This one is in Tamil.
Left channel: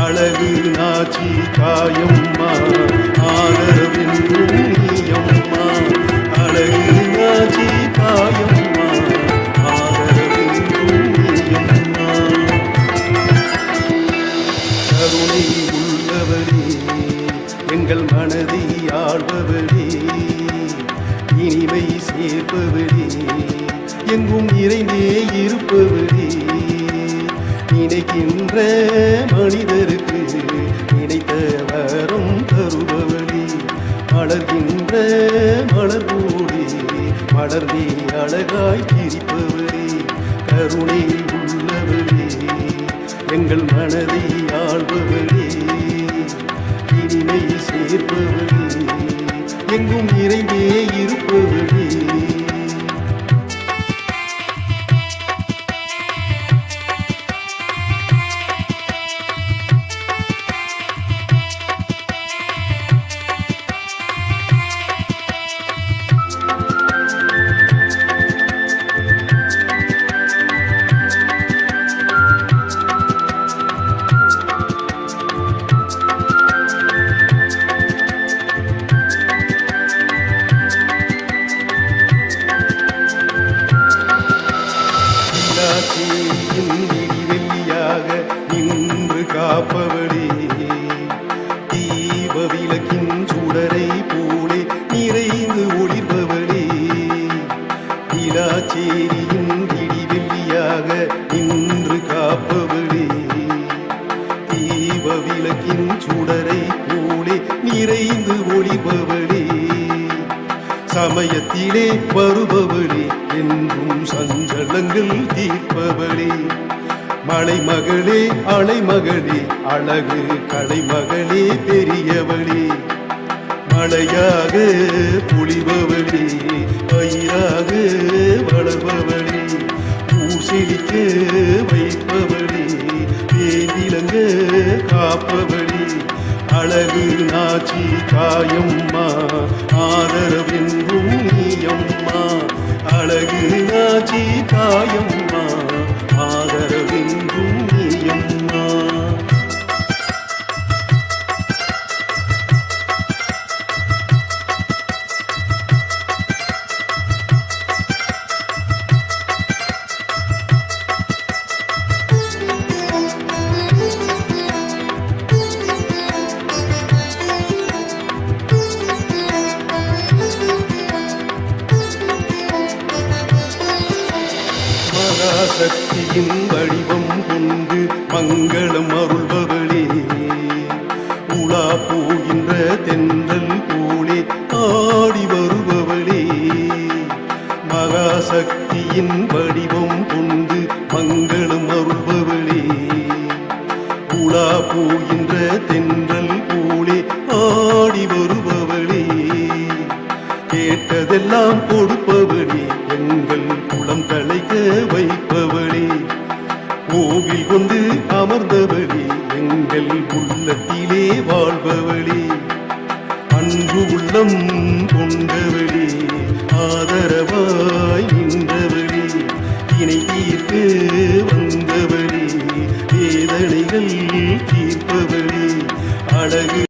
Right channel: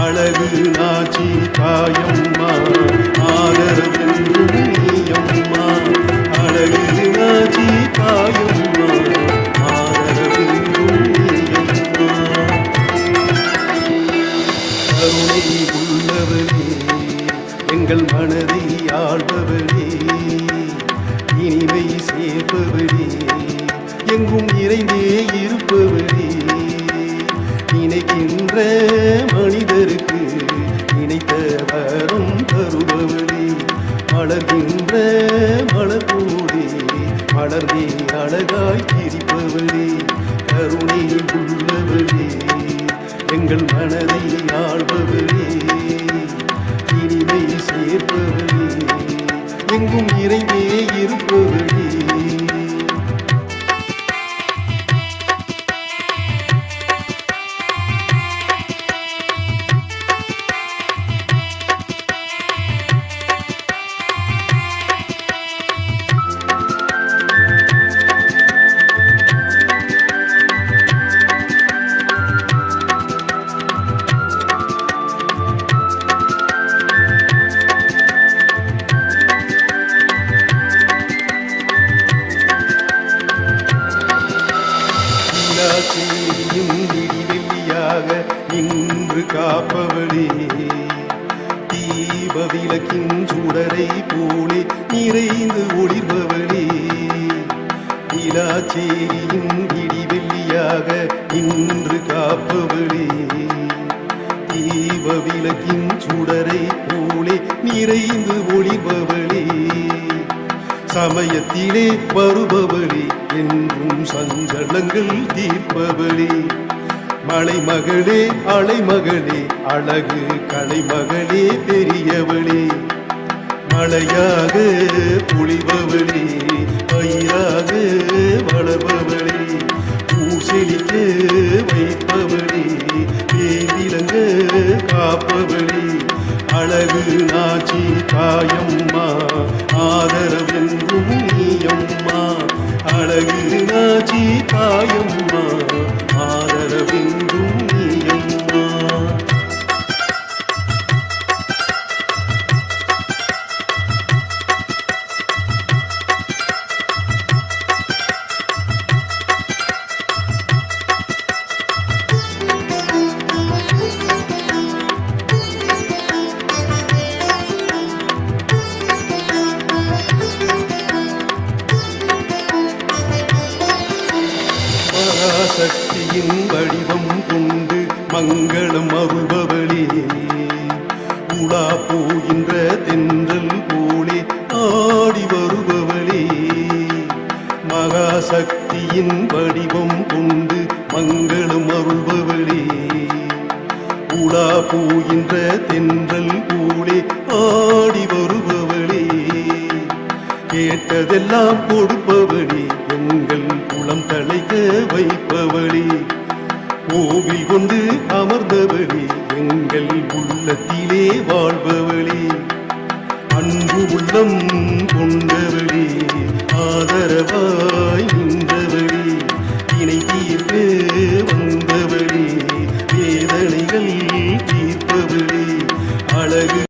அழகு நாச்சி தாயம்மா ஆதரவென்றும் நீயம்மா. அழகு நாச்சி தாயம்மா ஆதரவென்றும் நீயம்மா. கருணை உள்ளவளே எங்கள் மனதை ஆள்பவளே இனிமை சேர்ப்பவளே எங்கும் நிறைந்தே இருப்பவளே. நினைக்கின்ற மனிதருக்கு நினைத்த வரும் தருபவளே. மலர்கின்ற மலர் கூடி மலர்ந்தே அழகாய் சிரிப்பவளே கருணை உள்ளவளே எங்கள் மனதை ஆள்பவளே. இனிமை சேர்ப்பவளே எங்கும் நிறைந்தே இருப்பவளே. கீழாச்சேரியின் விடிவெள்ளியாக நின்று காப்பவளே. தீப விளக்கின் சுடரை போலே நிறைந்து ஒளிர்பவளே. விழாச்சேரியின் விடிவெள்ளியாக நின்று காப்பவளே. தீப விளக்கின் சுடரை போலே நிறைந்து ஒளிர்பவளே. சமயத்திலே வருபவளே என்றும் சஞ்சலங்கள் தீர்ப்பவளே. மலைமகளே அலைமகளே அழகு கலைமகளே பெரியவளே. மழையாக பொழிபவளே பயிராக வளர்பவளே. ஊர் செழிக்க வைப்பவளே பேர்விலங்க காப்பவளே. அழகு நாச்சி தாயம்மா ஆதரவென்றும் நீயம்மா. அழகு நாச்சி தாயம்மா ஆதரவென்றும் நீயம்மா. மகாசக்தியின் வடிவம் கொண்டு மங்களம் அருள்பவளே. உலா போகின்ற தென்றல் போலே ஆடி வருபவளே. மகாசக்தியின் வடிவம் கொண்டு மங்களம் அருள்பவளே. உலா போகின்ற தென்றல் போலே ஆடி வருபவளே. கேட்டதெல்லாம் கொடுப்பவளி எங்கள் குளம் தலைக்க வைப்பவளி. கோவில் கொண்டு அமர்ந்தவளி எங்கள் உள்ளத்திலே வாழ்பவளி. அன்பு உள்ளம் கொண்டவளி ஆதரவாய் நின்றவளி. இணை தீர்க்க வந்தவளி வேதனைகள் தீர்ப்பவளி. அழகு